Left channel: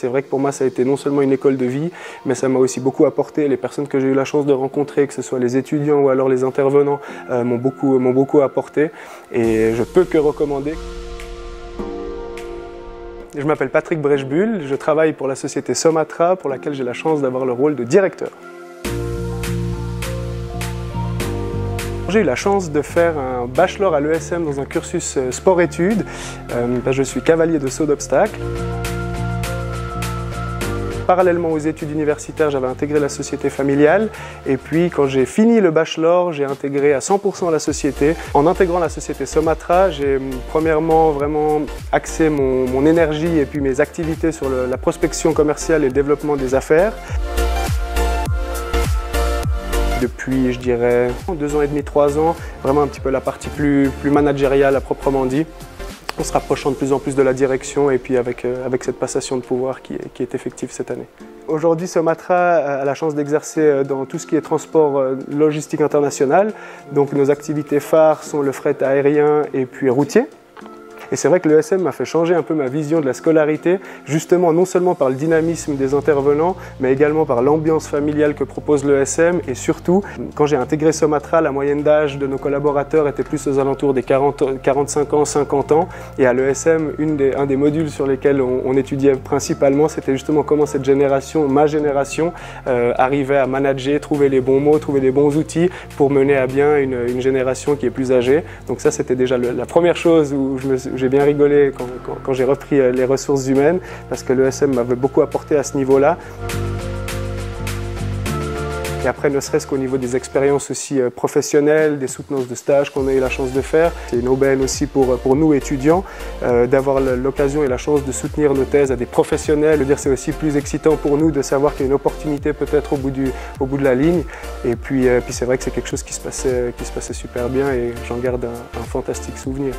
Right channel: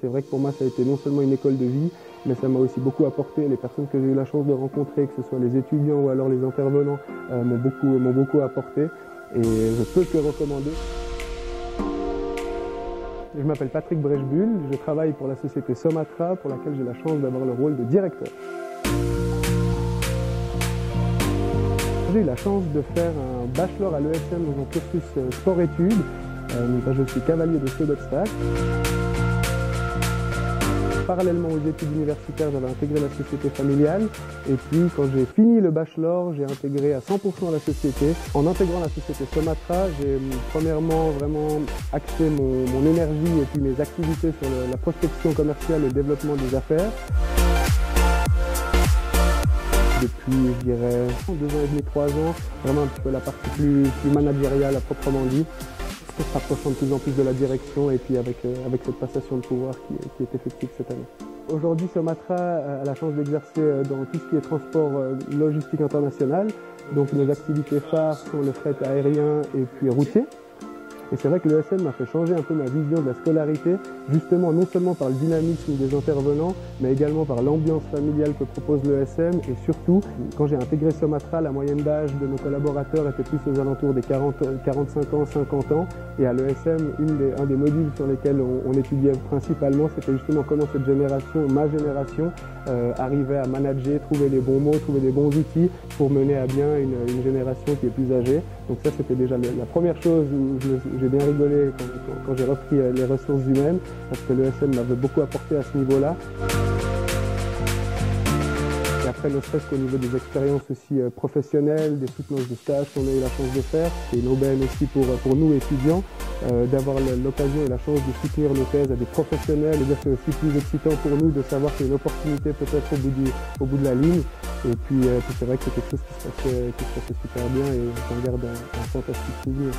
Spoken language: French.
C'est vrai que pour moi, ça a été non seulement une école de vie, mais ça m'a aussi beaucoup apporté. Les personnes que j'ai eu la chance de rencontrer, que ce soit les étudiants ou alors les intervenants, m'ont beaucoup apporté et je peux que recommander. Je m'appelle Patrick Brechbuhl, je travaille pour la société Somatra, pour laquelle j'ai la chance d'avoir le rôle de directeur. J'ai eu la chance de faire un bachelor à l'ESM dans un cursus sport-études. Je suis cavalier de saut d'obstacles. Parallèlement aux études universitaires, j'avais intégré la société familiale. Et puis, quand j'ai fini le bachelor, j'ai intégré à 100% la société. En intégrant la société Somatra, j'ai premièrement vraiment axé mon énergie et puis mes activités sur la prospection commerciale et le développement des affaires. Depuis, je dirais, 2 ans et demi, 3 ans, vraiment un petit peu la partie plus managériale à proprement dit, en se rapprochant de plus en plus de la direction et puis avec cette passation de pouvoir qui est effective cette année. Aujourd'hui, Somatra a la chance d'exercer dans tout ce qui est transport logistique international. Donc nos activités phares sont le fret aérien et puis routier. Et c'est vrai que l'ESM m'a fait changer un peu ma vision de la scolarité, justement non seulement par le dynamisme des intervenants, mais également par l'ambiance familiale que propose l'ESM. Et surtout, quand j'ai intégré Somatra, la moyenne d'âge de nos collaborateurs était plus aux alentours des 45 ans, 50 ans. Et à l'ESM, un des modules sur lesquels on étudiait principalement, c'était justement comment cette génération, ma génération, arrivait à manager, trouver les bons mots, trouver les bons outils pour mener à bien une génération qui est plus âgée. Donc ça, c'était déjà la première chose où j'ai bien rigolé quand j'ai repris les ressources humaines parce que l'ESM m'avait beaucoup apporté à ce niveau-là. Et après, ne serait-ce qu'au niveau des expériences aussi professionnelles, des soutenances de stage qu'on a eu la chance de faire. C'est une aubaine aussi pour nous étudiants d'avoir l'occasion et la chance de soutenir nos thèses à des professionnels. C'est aussi plus excitant pour nous de savoir qu'il y a une opportunité peut-être au bout de la ligne. Et puis c'est vrai que c'est quelque chose qui se passait super bien et j'en garde un fantastique souvenir.